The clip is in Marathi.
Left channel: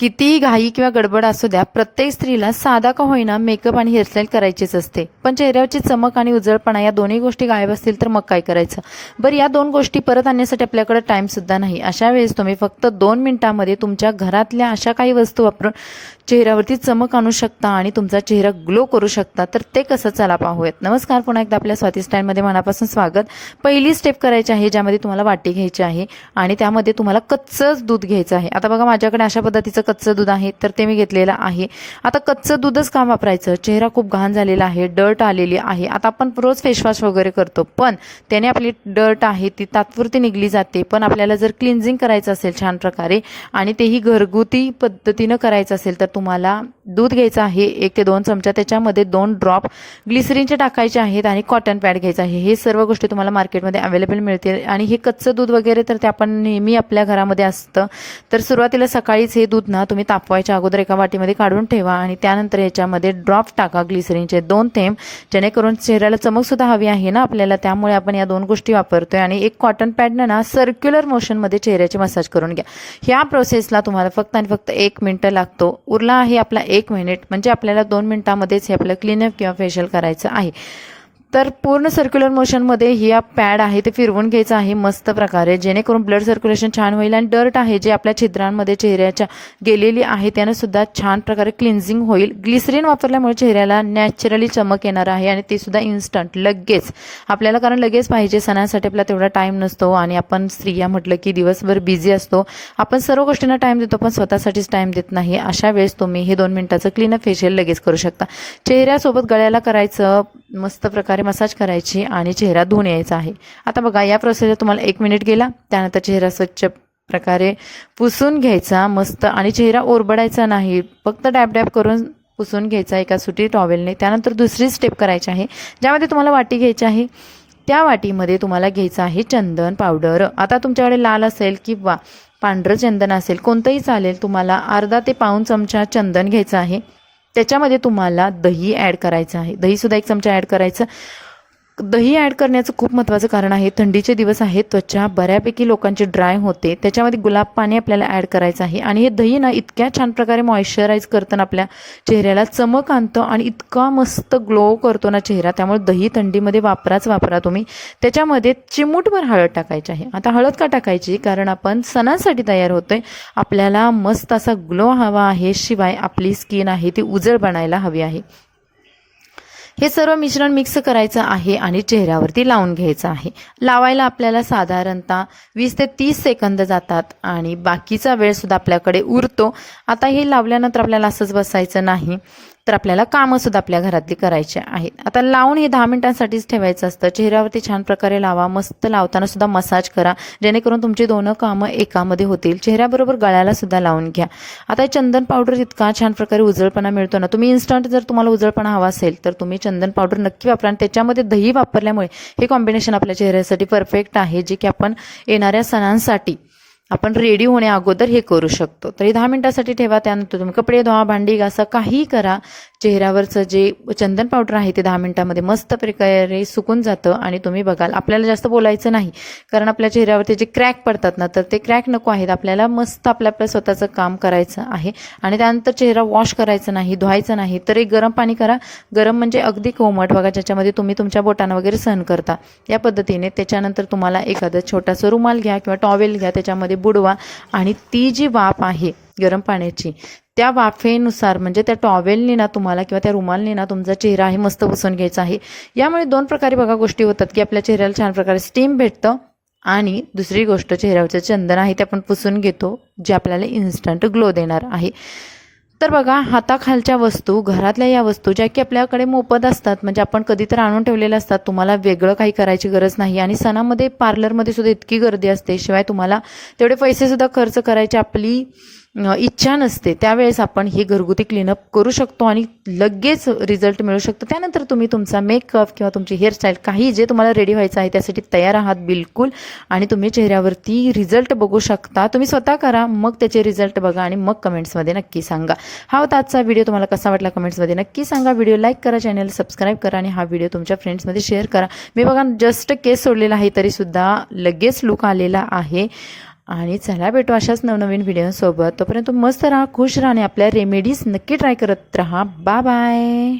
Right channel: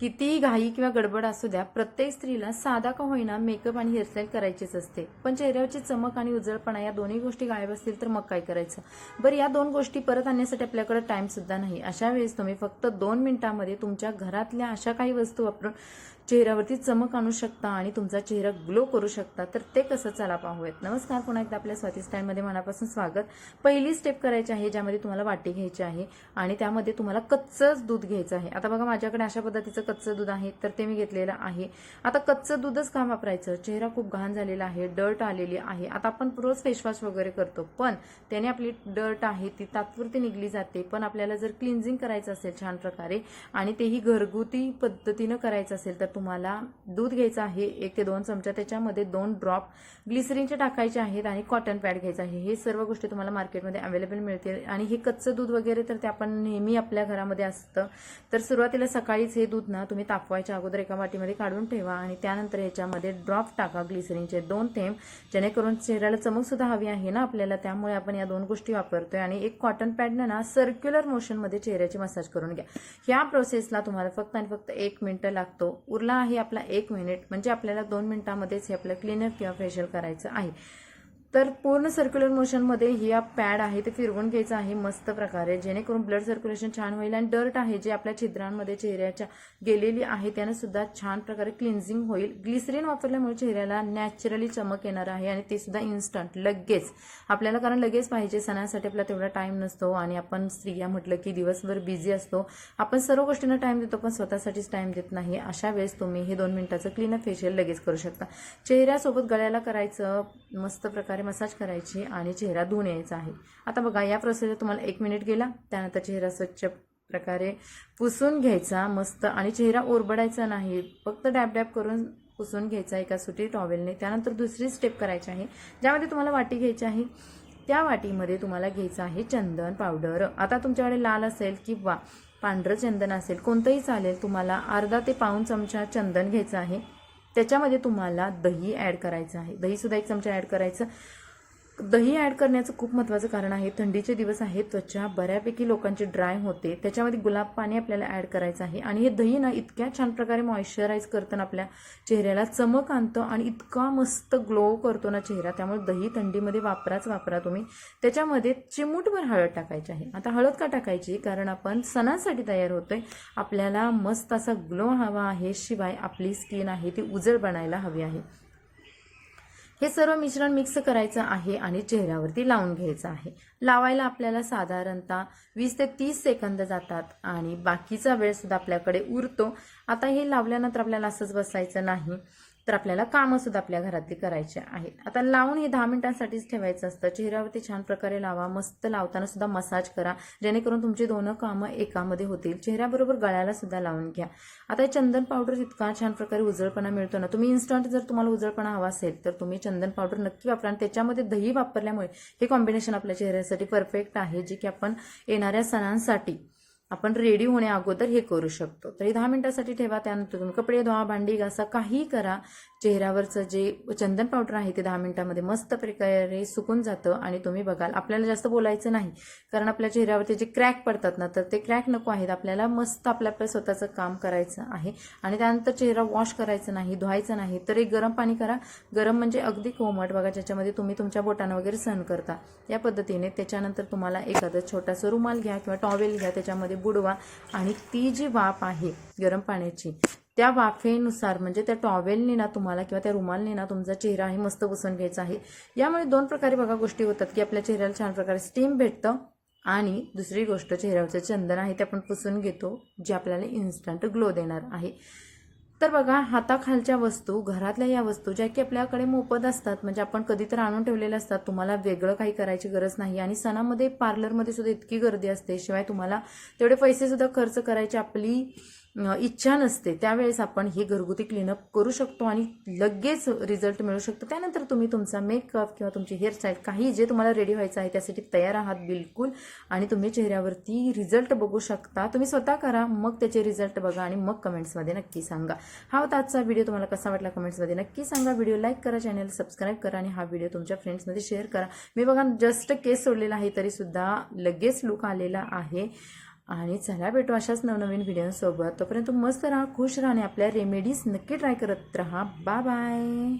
कितीही घाई किंवा गडबड असू द्या, प्रत्येक स्त्रीला साधा का होईना मेकअप आणि हेअरस्टाईल करायचीच असते. पण चेहऱ्यावरची चमक आणि उजळपणा या दोन्ही गोष्टी गायब असतील तर मग काय करायचं? बरं, या दोन गोष्टी परत आणण्यासाठी आपल्याकडे टाइम सुद्धा नाही. अशा वेळेस तुम्ही फक्त 2 मिनिटांमध्ये तुमच्या घरातल्या अशा काही वस्तू वापरून चेहऱ्यावरती चमक आणू शकता आणि तुमचा चेहरा ग्लो करू शकता. तर ते कसं, चला पाहूयात. नमस्कार, पुन्हा एकदा आपल्या स्वाती स्टाईलमध्ये मनापासून स्वागत. पहिली स्टेप करायची आहे, ज्यामध्ये तुम्हाला वाटी घ्यायची आहे आणि त्यामध्ये तुम्हाला कच्चंच दूध घ्यायचं आहे. आता बघा, माझ्याकडे अशा पद्धतीचं कच्चं दूध आहे, तर ते मी घेतलेलं आहे. आता कच्चं दूधच का वापरायचं? चेहरा खूप घाण झालेला आहे, डर्ट आलेली आहे. आता आपण रोज फेसवॉश वगैरे करतो, पण त्याने आपली डर्ट आहे ती तात्पुरती निघली जाते. पण आपल्याला जर क्लिन्झिंग करायचं असेल छान प्रकारे आणि तेही घरगुती पद्धतीनं करायचं असेल तर तुम्हाला दूध घ्यायचं आहे 1 ते 2 चमचा. त्याच्यामध्ये 2 ड्रॉप ग्लिसरीनचे टाकायचे आहेत आणि कॉटन पॅड घ्यायचं आहे. हे सर्व गोष्टी तुम्हाला मार्केटमध्ये अवेलेबल मिळतील. आणि हे कच्चं दूध वगैरे तर ते आपण नेहमी आपल्या घरामध्ये असतं. तर सुरुवातीला सकाळीच हे दूध ना तुम्ही तापवायच्या अगोदर एका वाटीमध्ये काढून ठेवा आणि त्यानंतर याच्यामध्ये ड्रॉप टाका ग्लिसरीनचे 2 थेंब, जेणेकरून चेहऱ्याला चमक सुद्धा हवी आहे ना आपल्याला, त्यामुळे आपण या 2 गोष्टी वापरतोय. आणि एक कॉटन पॅडनं ना सर्क्युलर मोशनमध्ये चेहऱ्याची मसाज करून घ्या. ह्या प्रोसेसला तुम्हाला फक्त आणि फक्त 1 मिनिट लागतो. उरला आहे आपला 1 मिनिट, म्हणजे आपल्याला 2 मिनिटांमध्येच हे आपलं क्लीनअप किंवा फेशियल करायचं आहे. तर पूर्ण सर्क्युलर मोशनमध्ये ही पॅड आहे ते फिरवून घ्यायचं आहे मस्त प्रकारे, जेणेकरून ब्लड सर्क्युलेशन छान होईल आणि डर्ट आहे जे आपल्या छिद्रांमध्ये चेहऱ्याच्या गेलेली आहे त्यानं सुद्धा छान प्रकारे क्लिन्झिंग होईल. ग्लिसरीन वापरल्यामुळे चेहऱ्याला नॅचरली चमक येणार आहे आणि ते सुद्धा इन्स्टंट, लगेच आपल्याला, कारण लगेच पाहिजे. सणांसाठी आपला तेवढा टाईम नसतो आणि आपण स्त्रिया म्हटलं की दिवसभर बिझी असतो. आपण सर्व गोष्टींना टाईम देतो पण स्वतःसाठीच टाईम देत नाही. अशा वेळेस तुम्ही हे 2 मिनिटाचं क्लीनअप फेशियल लगेच करू शकता. चेहऱ्यासोबत गळ्याला करायचं, मस्त प्रकारे मसाज करायची आणि चेहरा धुवून यायचा आहे. आता बघा, या प्रोसेसला तुम्हाला 1 मिनिट गेला. त्यानंतर चेहरा स्वच्छ प्रकारे पुसून घ्यायचा मस्त, आणि चेहरा ओरबडायचा नाही, फक्त डॅब डॅब करून पुसून घ्यायचा एका सुती टॉवेलने. त्यानंतर दुसरी स्टेप करायची आहे, ज्यामध्ये तुम्हाला वाटी घ्यायची आहे. त्या वाटीमध्ये तुम्हाला घ्यायचं आहे चंदन पावडर. आता तुमच्याकडे लाल असेल किंवा पांढरं चंदन असेल, कोणतंही चालेल. तुम्हाला अर्धा ते पाऊण चमचा चंदन घ्यायचं आहे. त्याच्यामध्ये तुम्हाला दही ॲड करायचं आहे. दहीसुद्धा 1 चमचा ॲड करायचं. दही ॲड करण्याचं खूप महत्त्वाचं कारण आहे, थंडीचे दिवस आहेत, त्वचा बऱ्यापैकी लोकांची ड्राय होते. त्याच्यामध्ये गुलाब पाणी आपल्याला ॲड करायचं आहे. आणि हे दही ना इतक्या छान प्रकारे मॉइश्चराईज करतं ना, आपल्या चेहऱ्याला चमक आणतं आणि इतका मस्त ग्लो करतो ना चेहरा. त्यामुळे दही थंडीमध्ये वापरा तुम्ही. त्याच्यामध्ये चिमूटभर हळद टाकायची आहे. आता हळद का टाकायची? कारण आपण सणासाठी तयार होतोय, आपल्याला मस्त असा ग्लो हवा आहे, शिवाय आपली स्किन आहे ती उजळ बनायला हवी आहे. हे सर्व मिश्रण मिक्स करायचं आहे आणि चेहऱ्यावरती लावून घ्यायचं आहे. लावायला आपल्याला साधारणतः 20 ते 30 सेकंद जातात आणि बाकीचा वेळ सुद्धा आपल्याकडे उरतो. आता हे लावल्यानंतर आपल्याला असंच बसायचं नाही, तर आपल्याला कामंसुद्धा आपल्या घरातली करायची आहेत. आता लावून हे 10 मिनिटांसाठीच ठेवायचं असतं. चेहऱ्यावरती छान प्रकारे लावा, मस्त लावताना सुद्धा मसाज करा, जेणेकरून तुमची 2 कामं एकामध्ये होतील. चेहऱ्याबरोबर गळ्याला सुद्धा लावून घ्या. आता चंदन पावडर इतका छान प्रकारे उजळपणा मिळतो ना, तुम्ही इन्स्टंट जर तुम्हाला उजळपणा हवा असेल तर तुम्ही चंदन पावडर नक्की वापरा. आणि त्याच्यामध्ये दही वापरल्यामुळे हे कॉम्बिनेशन आपल्या चेहऱ्यासाठी परफेक्ट आहे, जे की आपण येणाऱ्या सणांसाठी आपण रेडी होण्या अगोदर हे करू शकतो. तर हे 10 मिनिटासाठी ठेवा. त्यानंतर तुम्ही कपडे धुवा, भांडी घासा, काहीही करा. चेहऱ्यावरचं जे चंदन पावडर आहे ते 10 मिनिटांमध्ये मस्त प्रकारे सुकून जातं आणि तुम्ही बघाल, आपल्याला जास्त बोलायचं नाही, कारण आपल्या चेहऱ्यावरती जे क्रॅक पडतात ना, तर ते क्रॅक नको आहेत. आपल्याला मस्त आपल्या स्वतःचं काम करायचं आहे. आणि त्यानंतर चेहरा वॉश करायचं नाही, धुवायचं नाही, तर एक गरम पाणी करा. गरम म्हणजे अगदी कोमट बघा, ज्याच्यामध्ये तुम्ही तुमच्या बोटांना वगैरे सहन करता, या पद्धतीने. त्याच्यानंतर तुम्हाला एखादा छोटासा रुमाल घ्या किंवा टॉवेल घ्या, त्याच्यामध्ये बुडवा आणि ती जी वाफ आहे गरम पाण्याची, त्या वाफेनुसार, म्हणजे त्या टॉवेलने ना तुम्हाला किंवा त्या रुमालने ना तुमचा चेहरा आहे मस्त पुसून घ्यायचा आहे. यामुळे 2 प्रकारे बघा गोष्टी होतात, की आपल्या चेहऱ्याला छान प्रकारे स्टीम भेटतं आणि दुसरी गोष्ट, चेहऱ्यावरचं चंदन आहे ते आपण पुसून घेतो, जे आपल्याला इन्स्टंट ग्लो देणार आहे. तर बघा, हाताखालच्या वस्तू, घरातल्या या वस्तू ज्या की आपल्याकडे मोफत असतात, म्हणजे आपण कधीतरी आणून ठेवलेल्या असतात, तुम्हाला वेगळं काही करायची गरज नाही. आणि सणामध्ये पार्लरमध्ये सुद्धा इतकी गर्दी असते, शिवाय तुम्हाला तेवढे पैसे सुद्धा खर्च करायची आपली इच्छा नसते. त्यावेळेस आपण हे घरगुती क्लीनअप करू शकतो आणि लगेच रिझल्ट मिळू शकतो. त्यानंतर तुम्ही तुमचा मेकअप किंवा तुमची हेअरस्टाईल, काही जे तुम्हाला रेडी व्हायचं आहे त्यासाठी तयार आहात बिलकुल. आणि तुम्ही चेहऱ्यावरती रिझल्ट बघू शकता. तुम्ही स्वतः करा, मग त्याचे रिझल्ट बघा आणि मग कमेंट्समध्ये नक्की सांगा. हा होता आजचा व्हिडिओ. तुम्हाला कसा वाटला कमेंट्समध्ये नक्की सांगा. व्हिडिओ लाईक करा, चॅनल सबस्क्राईब करा आणि हा व्हिडिओ तुमच्या फ्रेंड्समध्ये शेअर करा. मी बघा जस्ट केस सोडलेला आहे तरीसुद्धा लगेच लुक आलेला आहे. आणि चला भेटू अशाच नवनवीन व्हिडिओसोबत. तोपर्यंत मस्त राहा, खुश राहा आणि आपल्या रेमेडीज नक्की ट्राय करत राहा. Bye bye.